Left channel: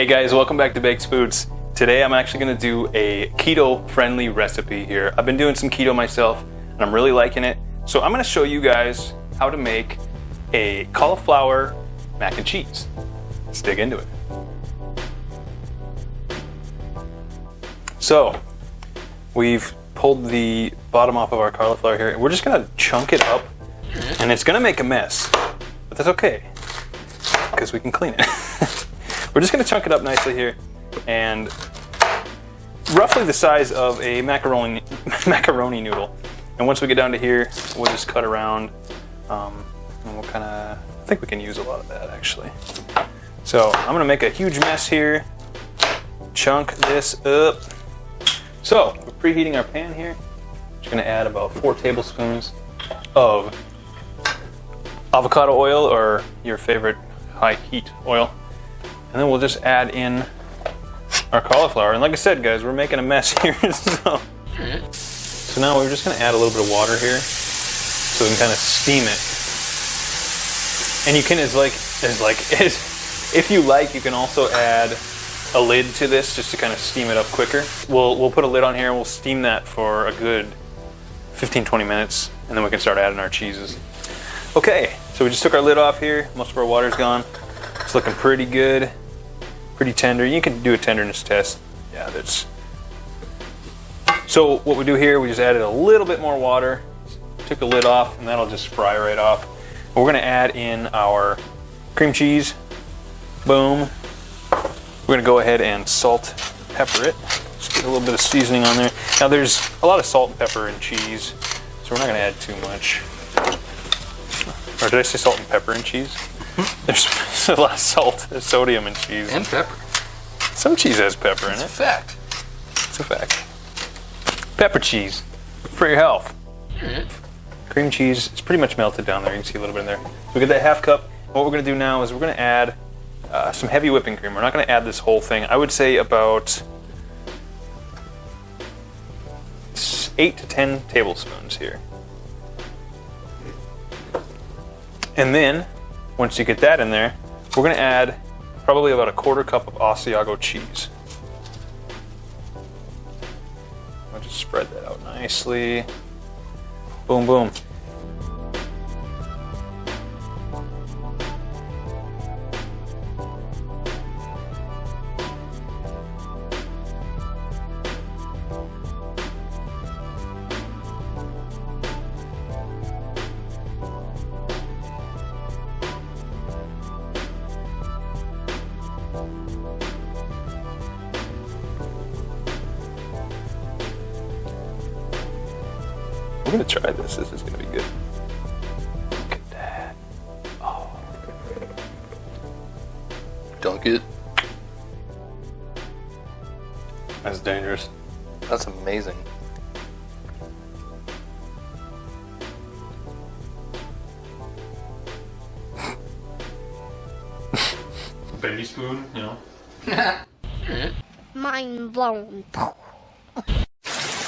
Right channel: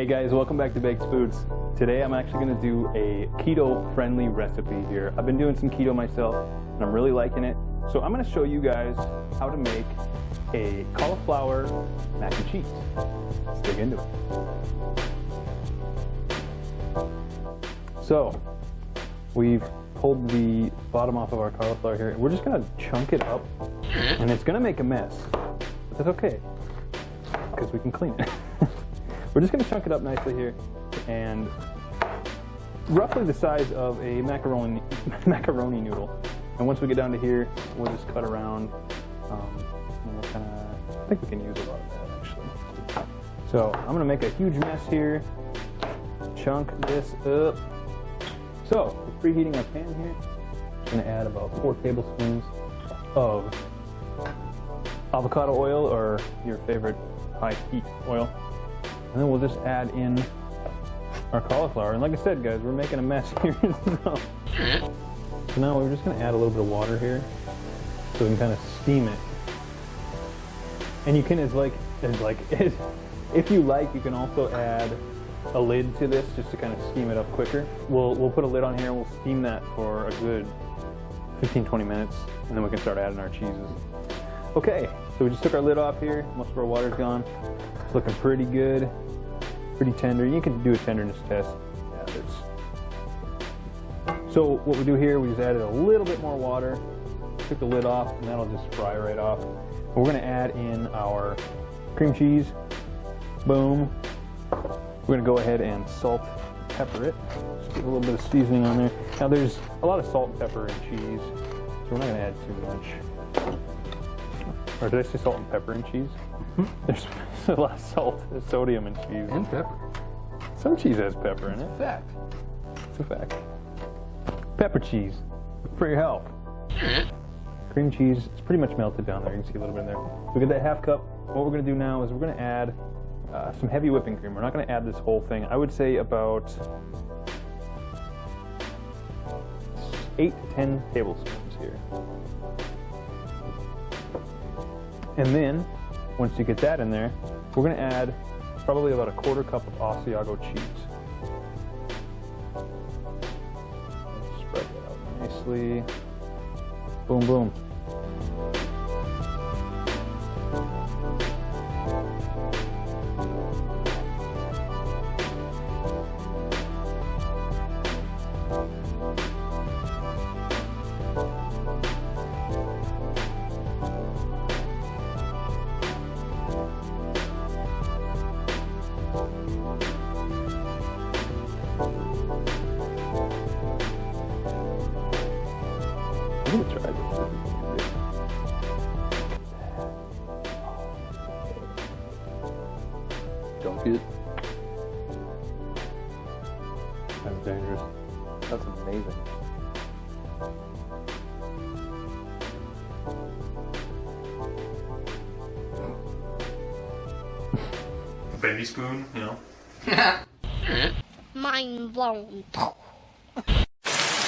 Hey guys, welcome back to Baked Foods. Today I'm actually going to do a keto friendly recipe here. I've been doing some keto myself and I'm really liking it. So I'm going to show you guys how to make a cauliflower mac and cheese. Let's dig into it. So we've pulled the bottom off of our cauliflower here. We're just going to chunk it up and it's going to make a mess, but that's okay because we can clean it. We're just going to chunk it up nicely here, and roughly the size of a macaroni noodle. And once we get down to here, we'll just cut around, and we'll kind of, I think we can use a lot of that actually. So I'm going to make a huge mess here, chunk this up. So we're preheating our pan here. Just going to add about 4 tablespoons of avocado oil or your favorite high heat oil. And then we'll just add in our cauliflower. And like I said, guys, we're making a mess here. So now we're just gonna add a little bit of water here so we can kind of steam it. And you can, if you like, you can also add a lid to this just to kind of steam it up quicker. We'll put a lid on here and we'll steam that for a good 15-20 minutes, and then we can start adding our cheeses. Okay, so we just took our lid off here. Most of our water's gone. It's looking pretty good, pretty tender. You can do a tenderness test. Yeah, that's. So what we do here, we just added a little bit more water, took the lid off, and that'll just fry right off. We're gonna add in our cream cheese. Boom. We're gonna go ahead and salt, pepper it. Just get a little bit of seasoning on there. Now there's a lot of salt and pepper in cheese, so we're not gonna add too much. Or did I say salt and pepper in cheese? There's a lot of salt, there's sodium in cheese. And pepper. Some cheese has pepper in it. It's a fact. It's a fact. Pepper cheese, for your health. Cream cheese, it's pretty much melted down there. You can see a little bit in there. So we get that half cup. What we're gonna do now is we're gonna add some heavy whipping cream. We're not gonna add this whole thing. I would say about 8 to 10 tablespoons here. And then, once you get that in there, we're gonna add probably about a 1/4 cup of Asiago cheese. I'll just spread that out nicely. Boom, boom. I'm gonna try this. This is gonna be good. Look at that. Oh. Dunk it. That's dangerous. That's amazing. Bendy spoon, you know. Mind blown.